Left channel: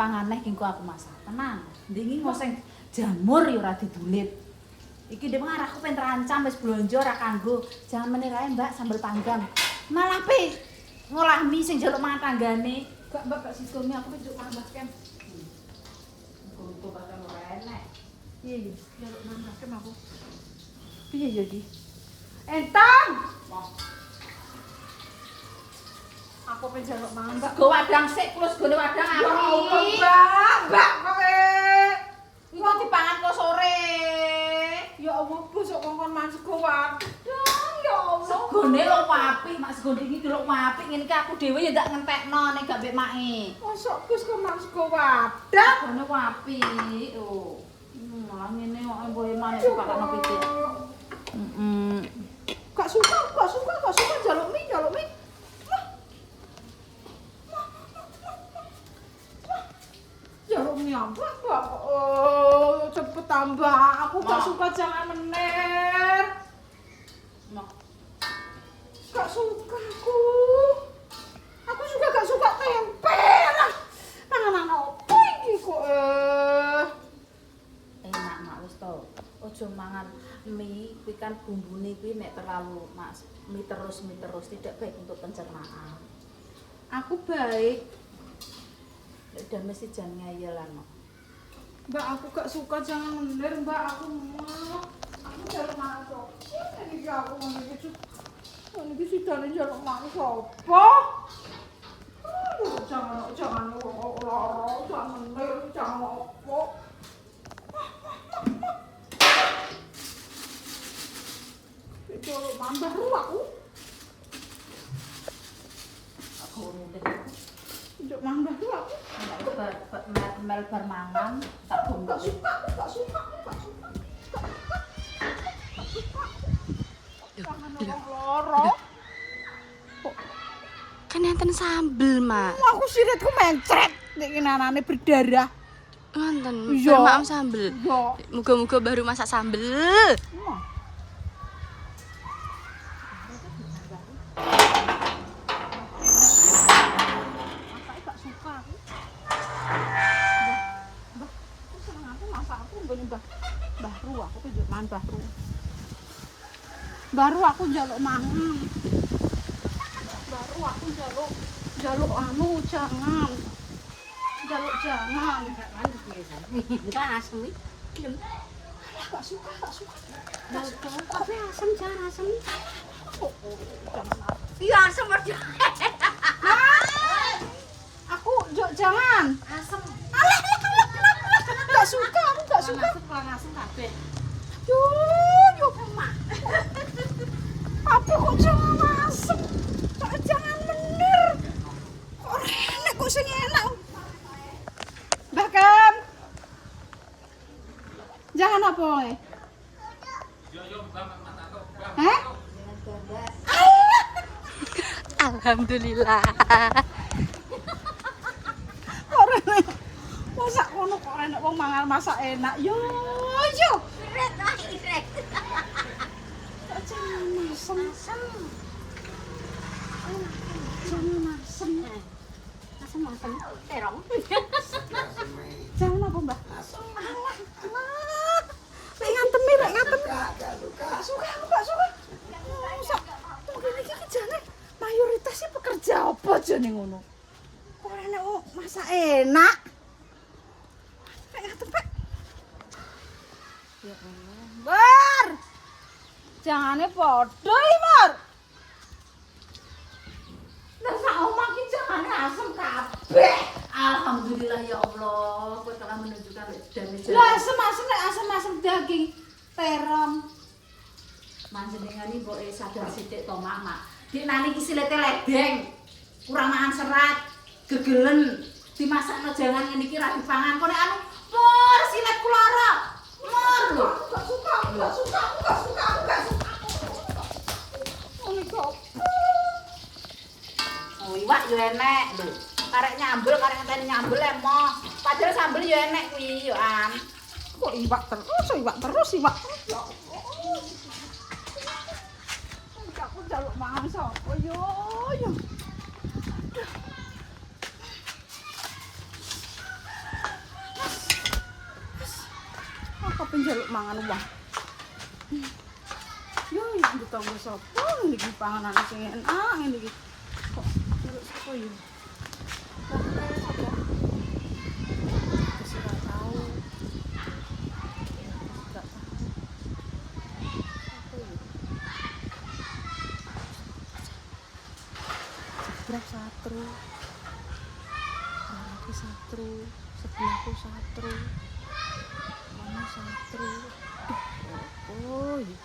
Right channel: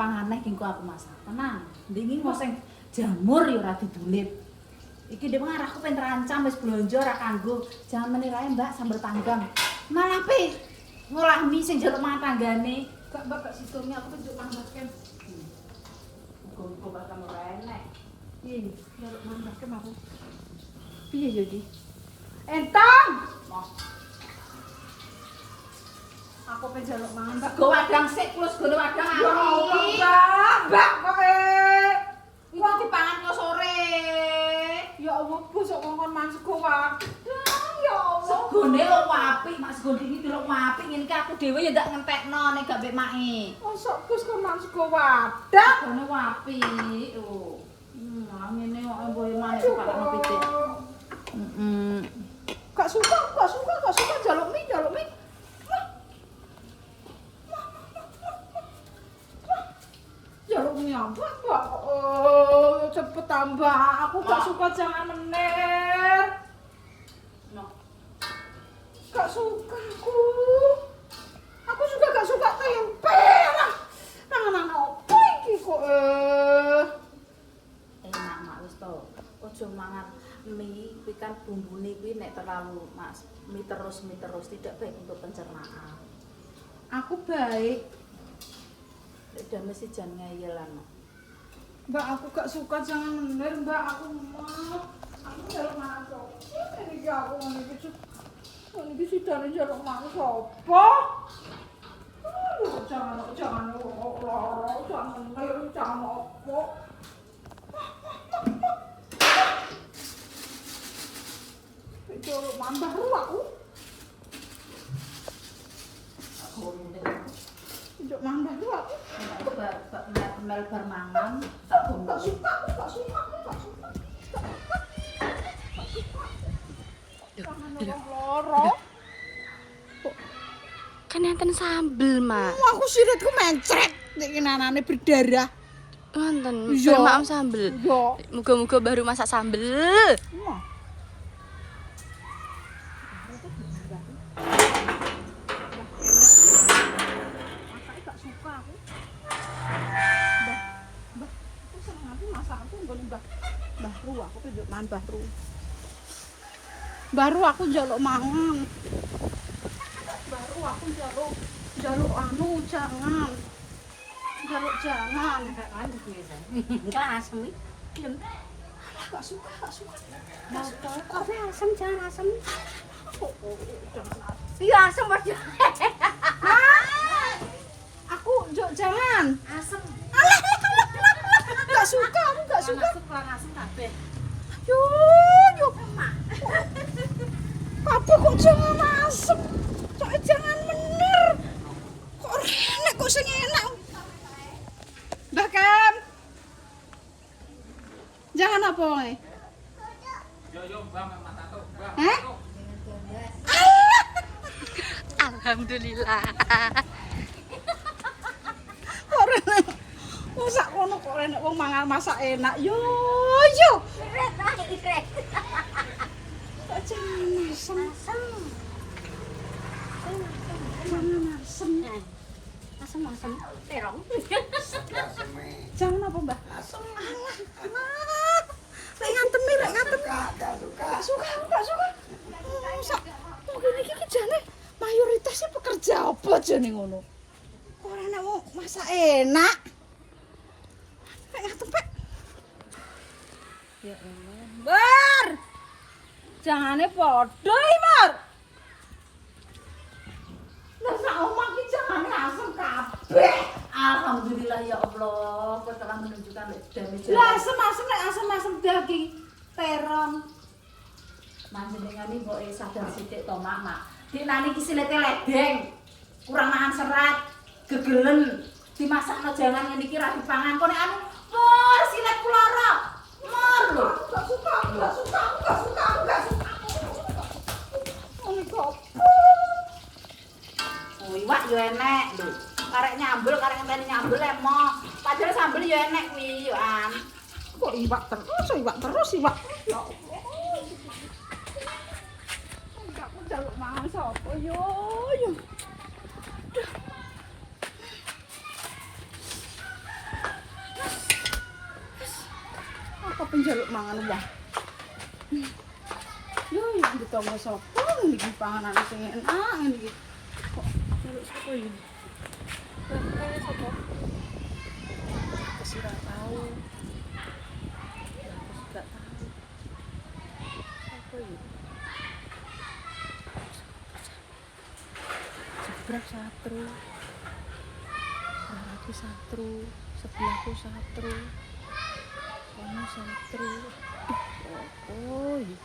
panganeh ki aku masak. Tenang. Ndingi ngoseng jamur ya ora didulit. Iki dhek ngarahku pengen terancam wis blonjo ora kanggo. Jangan menir ae Mbak sambel panggang. Malah pe ngolah mie sing njaluk mangan tanggane. Gak Mbak gak sisone aku tunjuk tambah kem. Muga-muga bakal ora enek. Iya, njaluk mangan kem aku. Piye ya iki? Entang. Aku pengen njaluk mangan Mbak. Go wadang sik plus gone wadang aku. Ya Allah, Mbak kok iku dipangan kok sore. Ya Allah, bosok kongkon mangan sego wadang. Ya Allah. Segone lho apik, mak segone iki delok apik ngene iki aku dhewe ya ndak ngentekno nek gak mbek make. Mosok Gus kok mangan sego wadang. Segone apik. Oh. Malah ngene kok mboe maneh dipakno pitik. Gak suka njaluk mie. Jaluk mie apa, Mbak? Oh, cepet tambah. Aku gak suka jangan menir. Gak suka aku. Aku juga gak suka tempe. Mangan opo iki kok enak mak wis to. Ojo mangan mie kuwi kan bumbune kuwi nek terlalu Mas. Mie terus tidak baik untuk pencernaan. Aku baik. Dan mesti jangan ngayelan. Mbak aku gak suka jangan menir Mbak aku mau. Aku jarang masuk. Ini aku ngene iki. Ngene iki sidane jarang masuk. Apa? Jangan loro, jangan menir, jangan apa. Itu mambah aku. Aku ngomong Njok mambah aku. Aku mel bar mangan, tak gombok. Gak suka. Pangan orang loro. Kan enten sambel, Mak. Aku siritku mencret nek anane berdarah. Wonten, bermaam sambel. Yo. Muga-muga baru masak sambel. Baru aku njaluk mangan. Baru aku njaluk anu jangan. Njaluk jangan. Enggak asem iki. Gak suka. Tapi asem jangan asem. Iya asem aja. Aku jangan. Asem. Gak suka. Asem kabeh. Yo. Apa kok jangan asem? Jangan menir. Kok enak kok sing enak. Mbak Kem. Jangan apa oleh? Hah? Alhamdulillah. Kok masak kono kok enak wong mangan masak enak. Yo. Kok jangan asem. Jangan asem. Asem terong. Jangan apa, Mbak? Asem. Alah. Lek ngantem. Gak suka. Sak mungkin iki jane mayoritasnya pekerja apa jane ngono. Kok enak wong masak enak. Lek ngantem, Pak. Ya Allah. Bar. Jangane padha iki, Mar. Lah sak omah iki jangane asem kabeh. Alhamdulillah ya Allah, Kau telah menunjukkan dan lah asem daging terong. Manjenengan iki mbok sadar sithik to, Mak. Dik nani iki silete ledeng. Kurang mangan serat, gegelen. Dimasakno jangan ngene iki ra dipangan. Kok nek anu, mur siletku lara. Mur lho. Gak suka. Ono kok. Oh, iwak yo enek lho. Karek nyambel, karek ngenteni nyambel emoh. Padahal sambel yo enek kuwi yo an. Kok iwak terus. Aku njaluk mangan sapa yo. njaluk mangan wah. Yo yang ditonggo sapa ngene iki panganan sing enak ngene iki. Kok njaluk sapa yo? Kok sapa? Kesira tahu. Aku tidak tahu. Apa yo? Sebelah satru. Berarti satru, sebelahku satru. Kono satru. Oh, iya.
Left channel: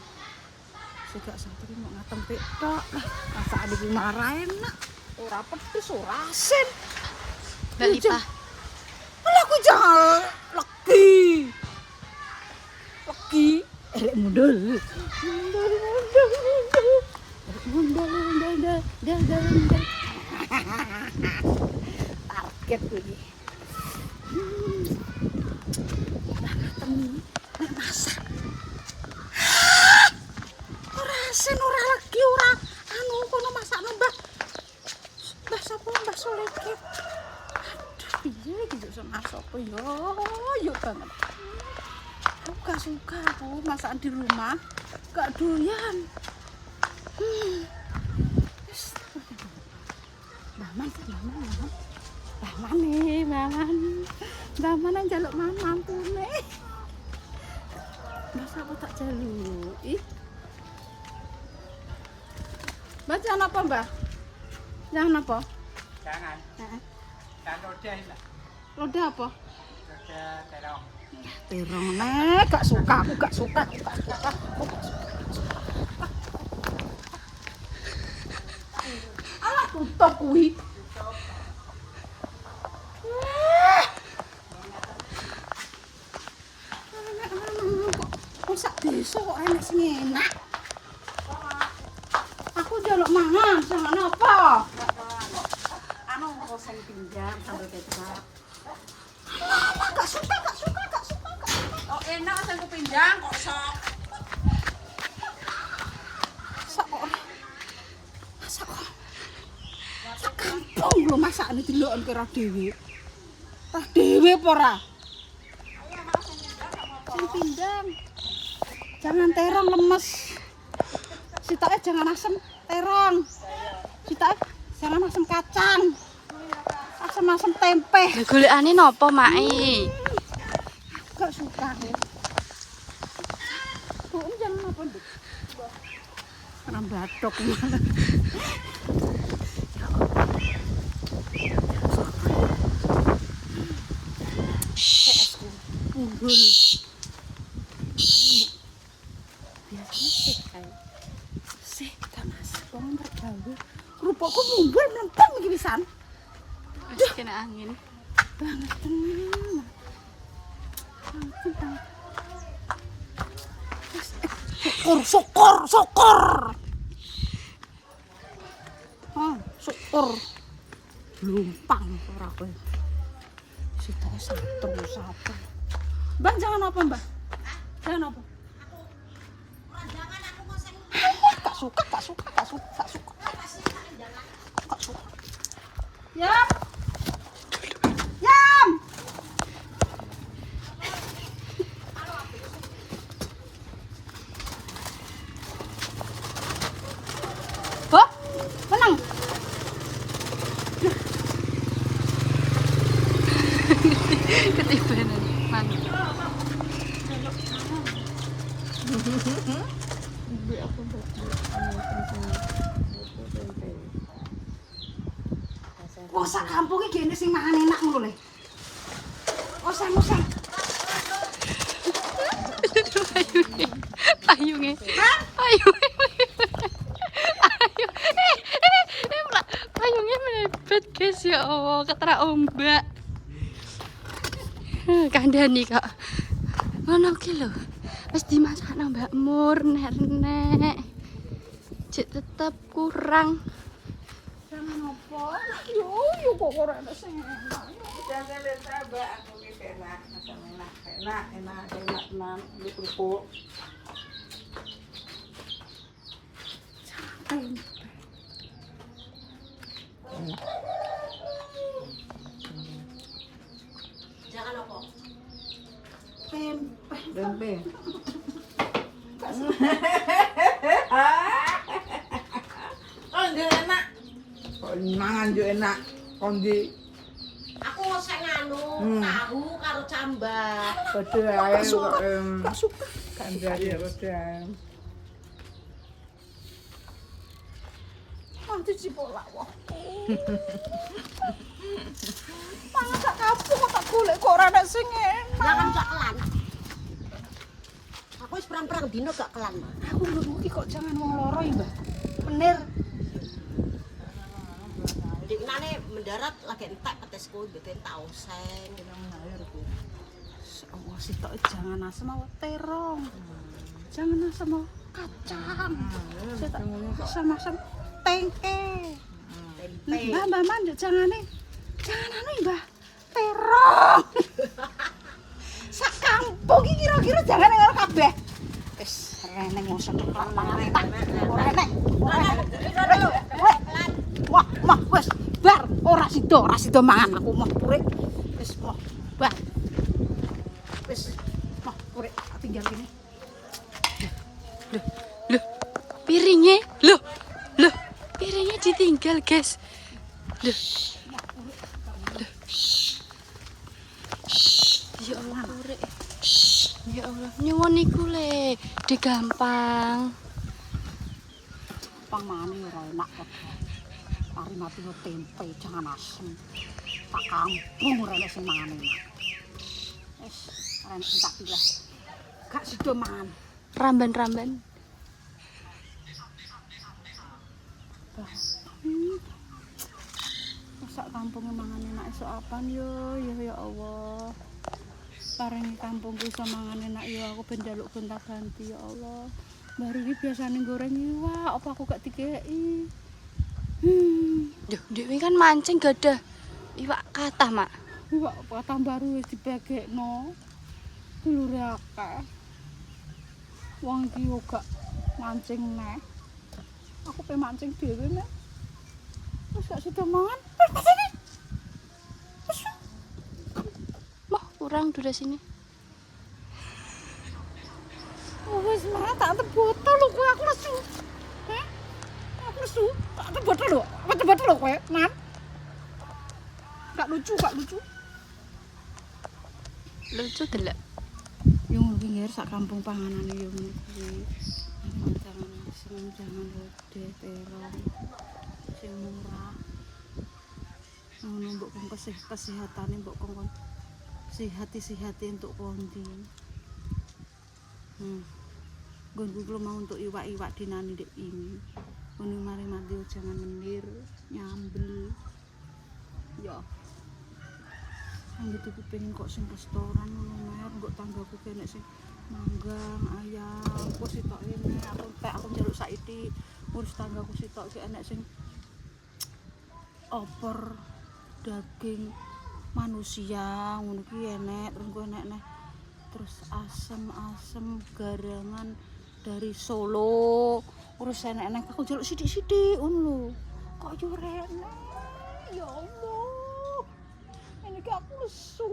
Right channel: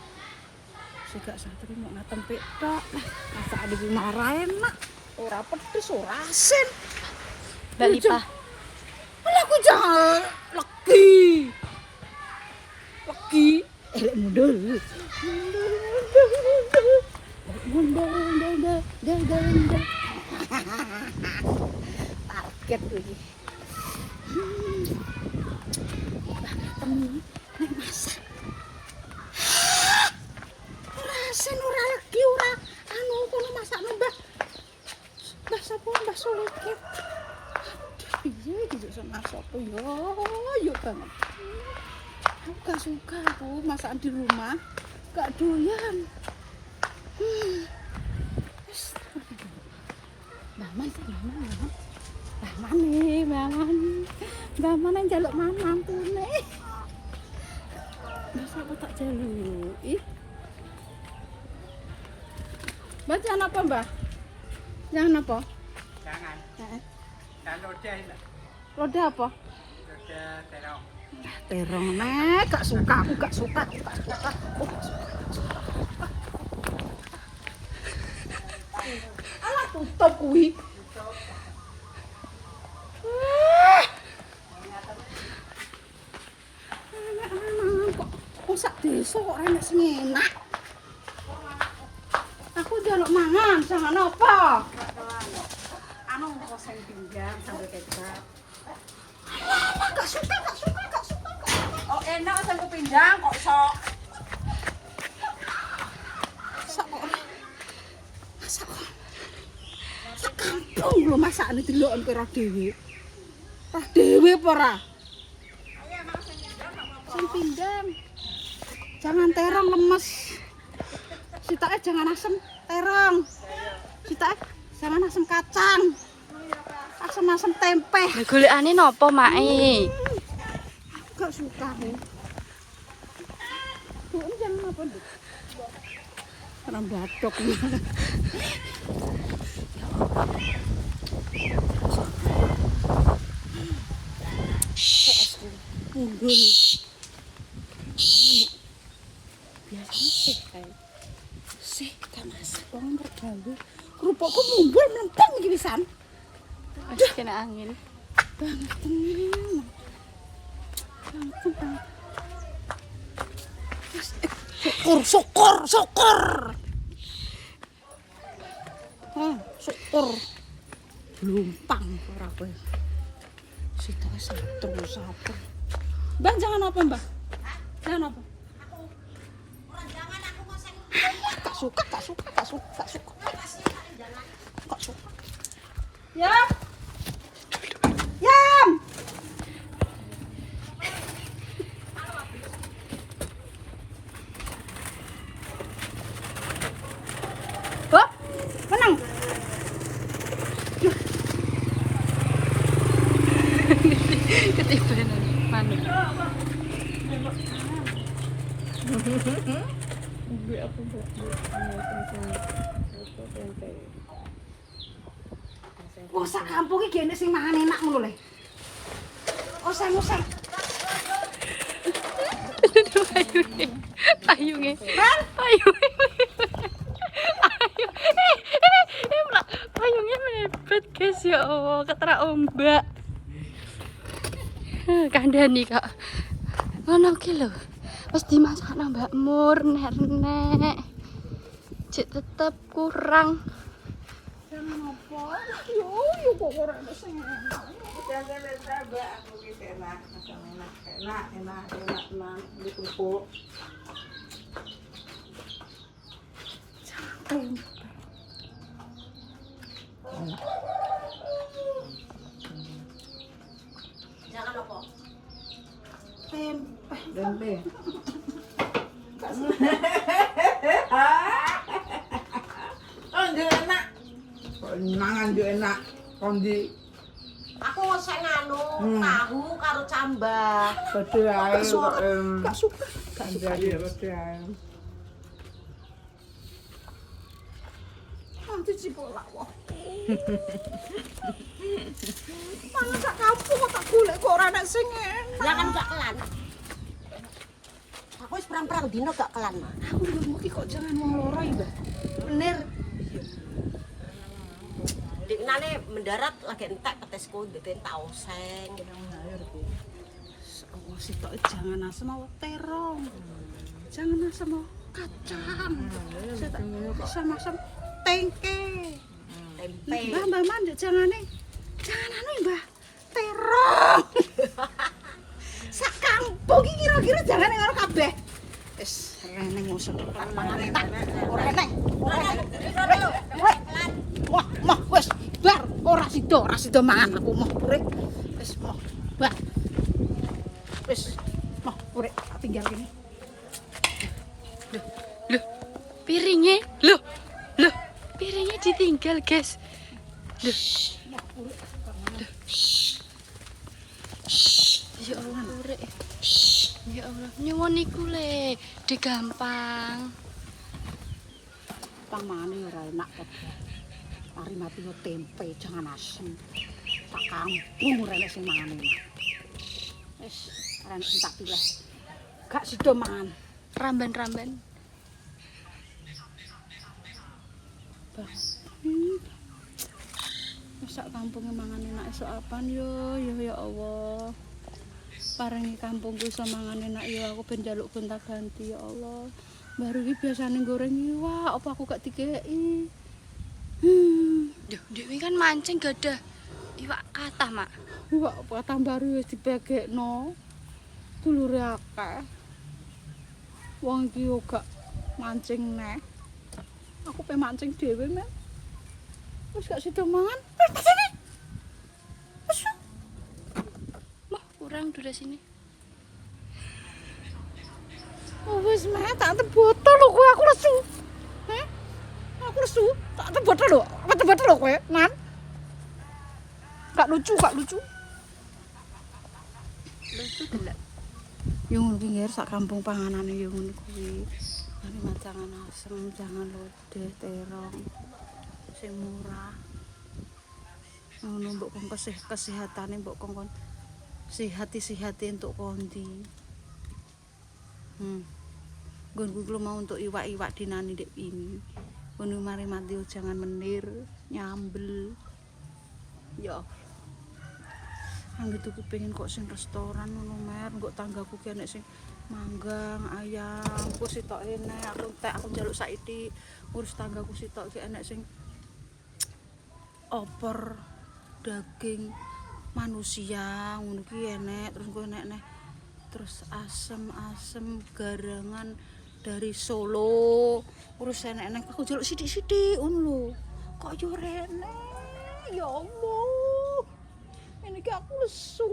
Segak satru mau ngatempik tok. Masak iki marah enak. Ora pedes, ora asin. Mbak Lipa. Lah aku jangan legi. Legi. Mundur. Mundur. Target iki. Temi nek masak. Ora asin, ora legi, ora anu kono masakno Mbah. Mbah sapa Mbah Suleke. Aduh, piye iki yo masak apa yo? Yo banget. Aku gak suka aku masakan di rumah. Gak doyan. Baman njaluk mangan tune. Masa apa tak jaluki? Mbak jangan apa, Mbak? Jangan apa? Jangan. Heeh. Jangan lodeh. Lodeh apa? Lodeh terong. Terong nek gak suka, aku gak suka. Alah tutup kuwi. Kok sak desa kok enak sing enak. Aku njaluk mangan, jangan apa? Anu oseng pinggang sambal kecap. Alah, gak suka. Oh enak oseng pinggang kok sok. Sekampung lho masakane deloken kira dhewe. Tah dhewe apa ora? Sing pindang. Jangan terong lemes. Sitoke jangan asem terong. Sitoke jangan asem kacang. Asem-asem tempe. Lah golekane napa, Mai? Gak suka aku. Tuh jangan apa, Dik. Orang batok. Esku unggul. Biasanya sih kayak sih kita masak bangun tergawe. Kerupukku munggul melempem iki pisan. Wis kena angin. Banget tenan. Syukur. Oh, syukur. Lumpang ora kowe. Sitoke satru. Mbak jangan apa, Mbak? Jangan apa? Gak suka. Yam. Bok, menang. Ketibanan manuk. Wah, sak kampung iki gene sing mangan enak ngono le. Oseng. Payunge. Payungnya mepet guys ya Allah, ketera ombak. Kandhani Kak. Ngono ki lho. Wis dimasakno Mbak Mur nek. Cek tetep kurang. Jangan apa? Yo kok ora enak sing enak. Jangan Mbak, aku ki enak, enak tenan di kerupuk. Tempe. Jangan apa? Tempe. njuk enak. Kok mangan njuk enak. Kondi Aku ngosek nganu, tahu karo cambah. pede ae kok Gak suka. kanjari ya pede ae. Nanti cipolak wah. Mangan sak kampung tak golek kok ora nek sing enak. Ya kan gak kelan. Aku wis perang-perang dino gak kelan. Aku mbokmu ki kok jangan wong loro ya, Mbak. Bener. Diknane mendarat lagi entek petesku mbeten taoseng. Oh, sitok jangan asem awak terong. Jangan asem awak kacang. Asem-asem tengke. Tempe. Mbak, jangane. Jangan Mbah. Terong. Sak kampung iki kira-kira jangane ngono kabeh. Wis reneng ngosot pangan enak. Ora enak. Ora enak. Wah, mah wis bar ora sida mangan aku mah purek. Wis mah bar. Wis mah purek tak tinggal kene. Loh, piringnya, loh, piringnya ditinggal guys. Loh, ya Allah, purek. Ya Allah, nyuwun iku le, digampang. Pang mane ora enak kok. Mari mati yo tempe jangan asem. Tak kampung ora enak sing mangan enak. Wis, ora enak sing tak pilih. Gak sida mangan. Ramban-ramban. Masak kampungnya mangan enak esok apaan yo ya Allah. Paringi kampungku iso mangan enak yo aku ben njaluk gonta-ganti ya Allah. Baru iki biasane goreng iwak apa aku gak dikeki. Duh, ini kan mancing gak ada iwak kathah, Mak. Iwak apa tambaru wis dibagekno. Dulure akeh. Wong iki yo gak mancing neh. Aku pe mancing dhewe men. Wis gak sida mangan. Pasane. Mah, kurang udah sini. Oh wis mah tak tebotol lho kowe aku lesu. Heh? Aku lesu, tak tebotol lho. Apa tebotol lho kowe, Man? Gak lucu. Lucu delok. Yo ngono kuwi ngger sak kampung panganane yo ngono kuwi. Mari mancangan asem, jangan lodeh, terong. Sing murah. Ngono mbok kon kesehatane mbok kon sehati untuk kondi. Nggonku kuwi mau untuk iwak-iwak dinani ndek ini. Ngono mari mati jangan menir, nyambel. Ya. Angger tuku pengen kok sing restoran ngono mer, nggo tanggaku ki enek sing manggang, ayam, ku sitok enek, aku njaluk saiki ngurus tanggaku sitok ki enek sing opor daging manusia ngono ki enek, terus ku enek terus asem garangan dari Solo, urus enek aku njaluk sithik-sithik ngono lho. Kok yo rene. Ya Allah. Ini ki aku lesu.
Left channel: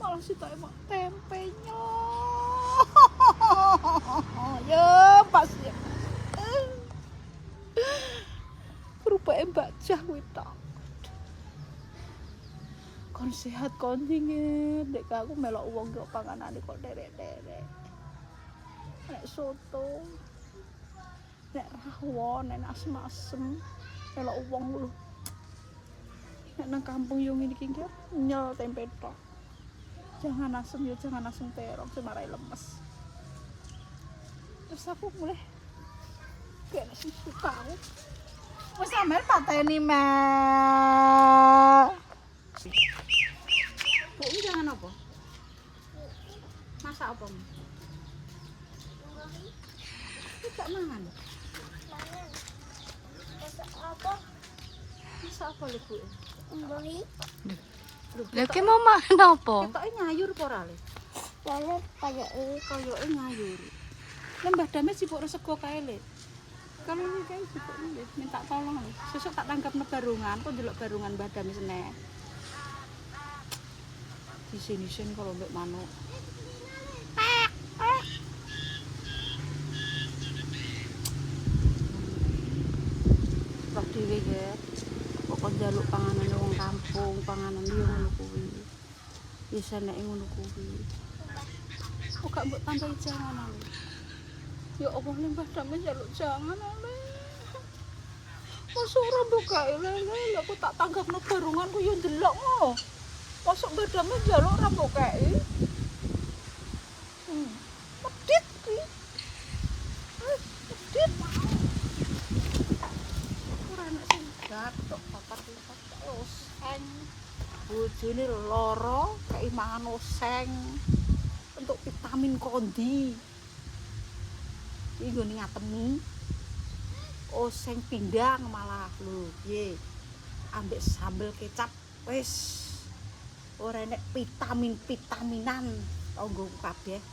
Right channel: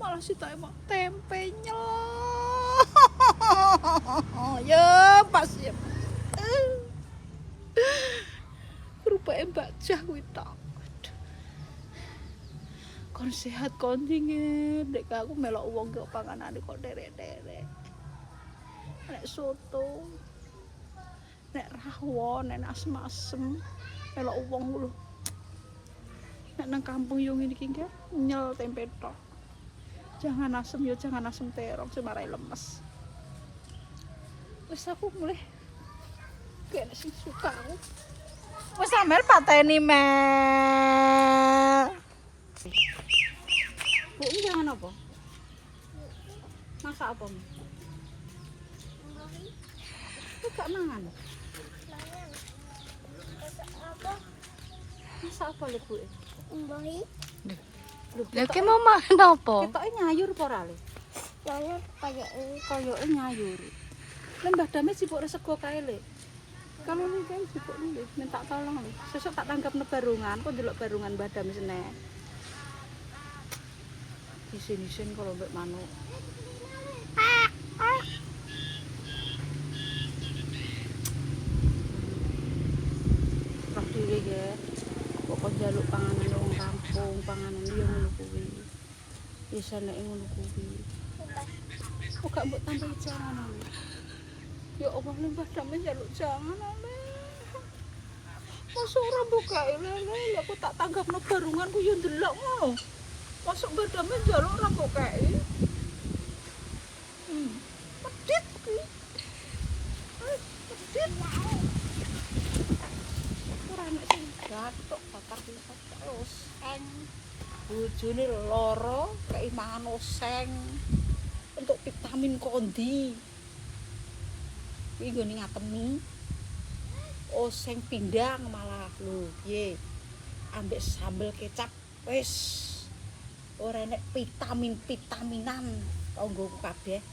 Malah sitoke mak tempenya. Ya, pas ya. Rupane Mbak Jah kuwi tok. Kon sehat kon dingin, dek aku melok wong kok panganane kok derek-derek. Nek soto, nek rawon, nek asem-asem, melok wong lho. Nek nang kampung yo ngene iki nggih, nyel tempe tok. Jangan asem yo, jangan asem terong sing marai lemes. Wis aku mulai kene sing suka aku. Wis sampean pateni Mel. Bu, jangan apa? Masak apa? Gak mangan. Masak apa lho, Bu? Mboi, Lha ki mau makan apa? Ketoke nyayur apa ora le? lalu kayak ini Koyoke nyayur. Lembah dame sibuk resego kae le. Kalau ini kae sibuk le, minta tolong le. Sesuk tak tanggap barungan, kok ndelok barungan Mbah Dame seneh. Di sini-sini kalau mbek manuk. kabeh. Kok njaluk panganan wong kampung, panganan liya ngono kuwi. Wis nek ngono kuwi. Kok gak mbok tambahi jangan lho. Ya Allah ning padame njaluk jangan lho. Wis ora buka lele, aku tak tanggapno garunganku yo ndelok ngo. Mosok padame njaluk ora mbok kei. Medit ki. Medit. Ora enak sing gathok bakar lipat terus eng. Bojone lara kei mangan oseng. Untuk vitamin kondi. Iki nggone ngatemi. Oseng pindang malah lho piye. Ambek sambel kecap wis ora enek vitaminan tanggoku kabeh.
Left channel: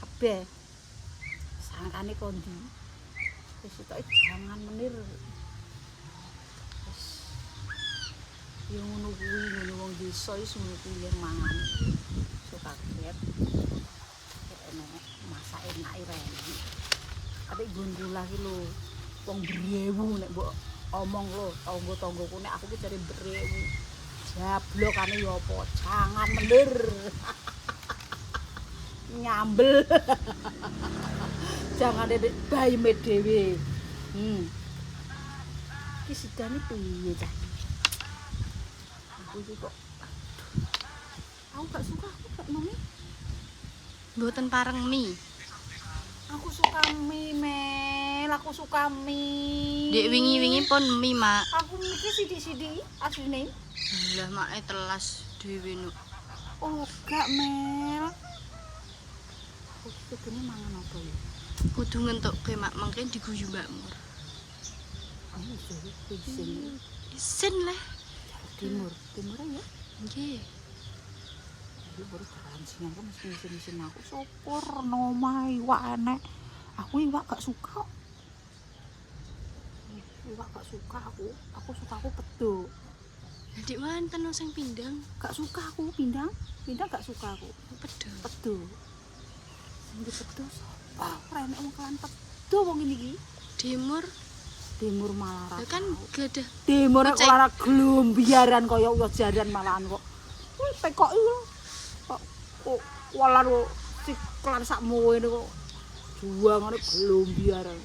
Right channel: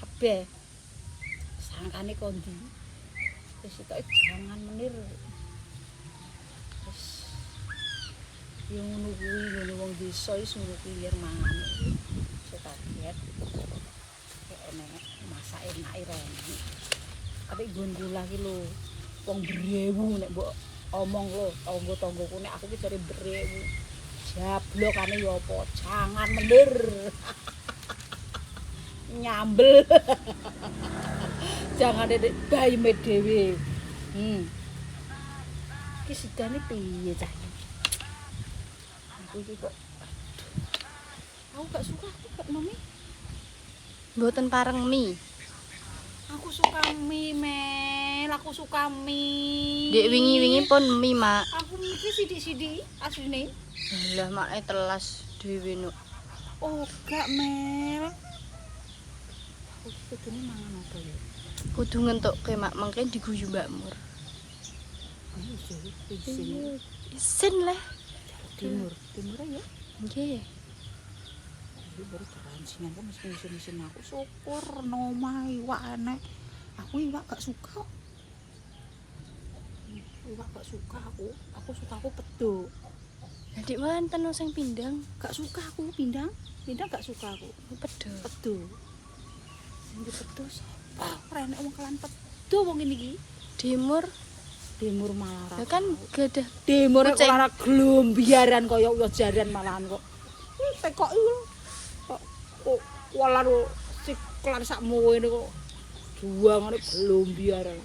Kabeh. Sangkane kondi. Wis tok jangan menir. Wis yo ngono kuwi wong desa wis ngono kuwi mangan. Kaget enek masak enak rene atik nggon kula ki lho wong brewu nek mbok omong lho tangga-tanggaku nek aku ki jare brewu jablokane ya apa jangan mendir nyambel jangan dedek bayime dhewe ki sidane piye cah aku iki kok aku gak suka mami. Mboten pareng mie. Aku suka mie, Mel. Aku suka mie. Dek wingi-wingi pun mie, Mak. Aku mikir sidik-sidik asline. Lah make telas dhewe nuk. Oh, gak, Mel. Aku kudune mangan apa ya? Kudu ngentukke Mak mengke diguyu Mbak Mur. Isin lah. Timur ya. Nggih. Iki baru kerancingan kok mesti aku syukur nomai iwak enek. Aku iwak gak suka. Iwak gak suka aku. Aku suka pedo. Jadi wonten sing pindang. Gak suka aku pindang. Pindang gak suka aku. Pedo. Sing pedo sapa? Ora enek wong kalan pedo wong ngene iki. Timur malah ya kan gadah timur kok ora glombiaran kaya jaran malahan kok. Wis tekoki kok walar siklan sakmu ngene kok. Juangane glombiaran.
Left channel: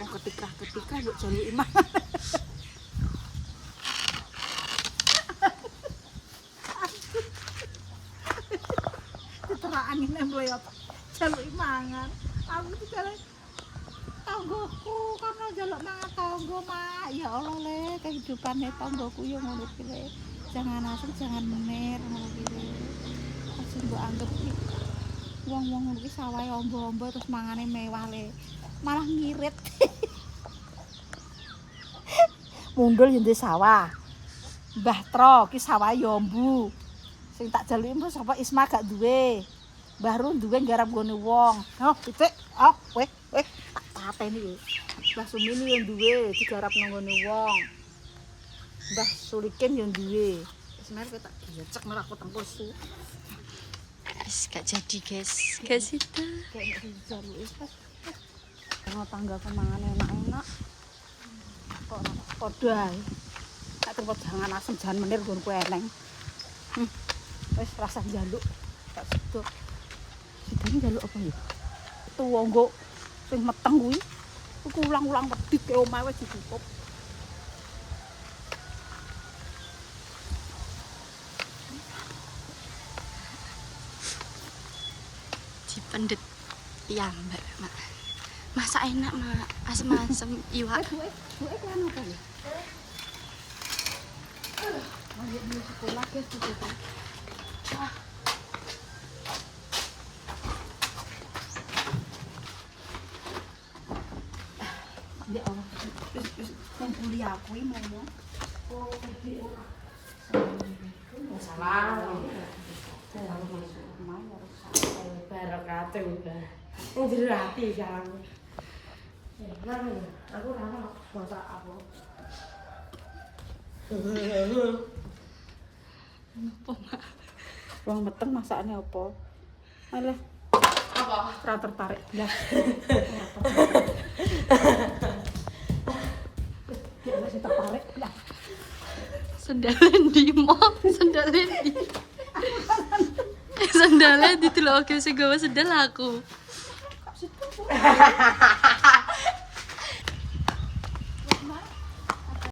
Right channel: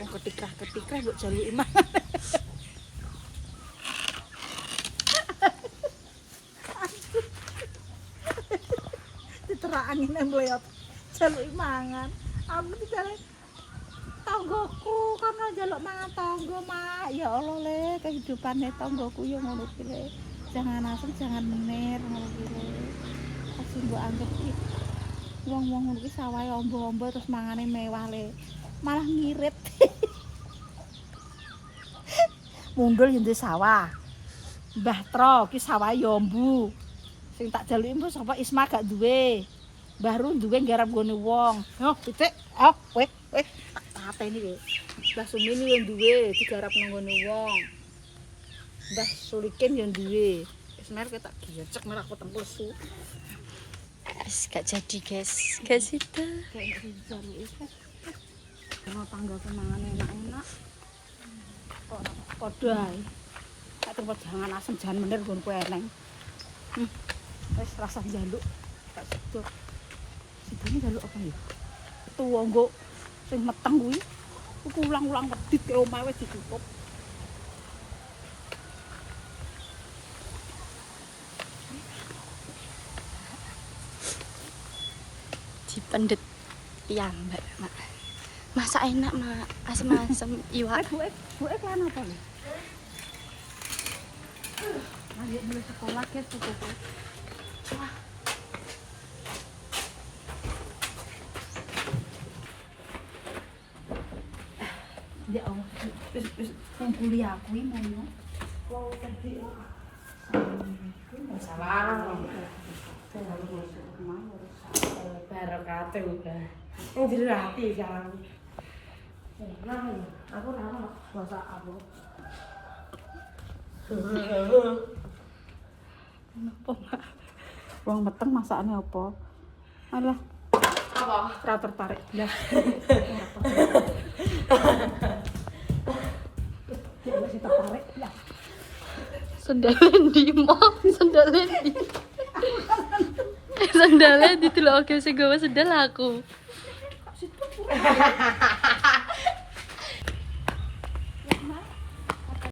Wong ketikrah-ketikrah mbok jaluki mangan. Diterangin embel apa? Jaluki mangan. Aku dijaluk tanggoku karena jaluk mangan tanggo mak ya Allah le kehidupannya tanggoku ya ngono ki le jangan asem jangan menir ngono ki le pasti mbok anggap ki wong-wong ngono ki sawahe ombo-ombo terus mangane mewah le malah ngirit mundul yo sawah Mbah Tro ki sawah yo ombu sing tak jaluki mbok sapa Isma gak duwe baru duwe garap gone wong oh pitik oh weh apa ini lho Mbah Sumini yang duwe digarap nanggone wong Mbah Sulikin yang duwe wis mer ketak gecek mer aku tempel su wis gak jadi guys gak sida kayak dijaluki wis ana tangga kemangan enak-enak kok padha ae gak terpot jangan asem jan menir nggonku eneng wis rasa njaluk gak sedok sidane njaluk apa ya tuwa nggo sing meteng kuwi iku ulang-ulang wedhit ke omah wis ditutup dipendet piyambak Mak masak enak Mak asem-asem iwak buke kan apa ya ayo di sekolah guys itu ya Allah, yang kuliah aku ini mau salah barakate udah dirati sekarang aku nama bahasa aku kenapa Mak? Wong meteng masakane apa? Alah Apa? Ora tertarik blas. Ya masih tertarik blas. Sandalen di mall, sandalen di. Sandalen di tuh oke sing gawa sandal aku.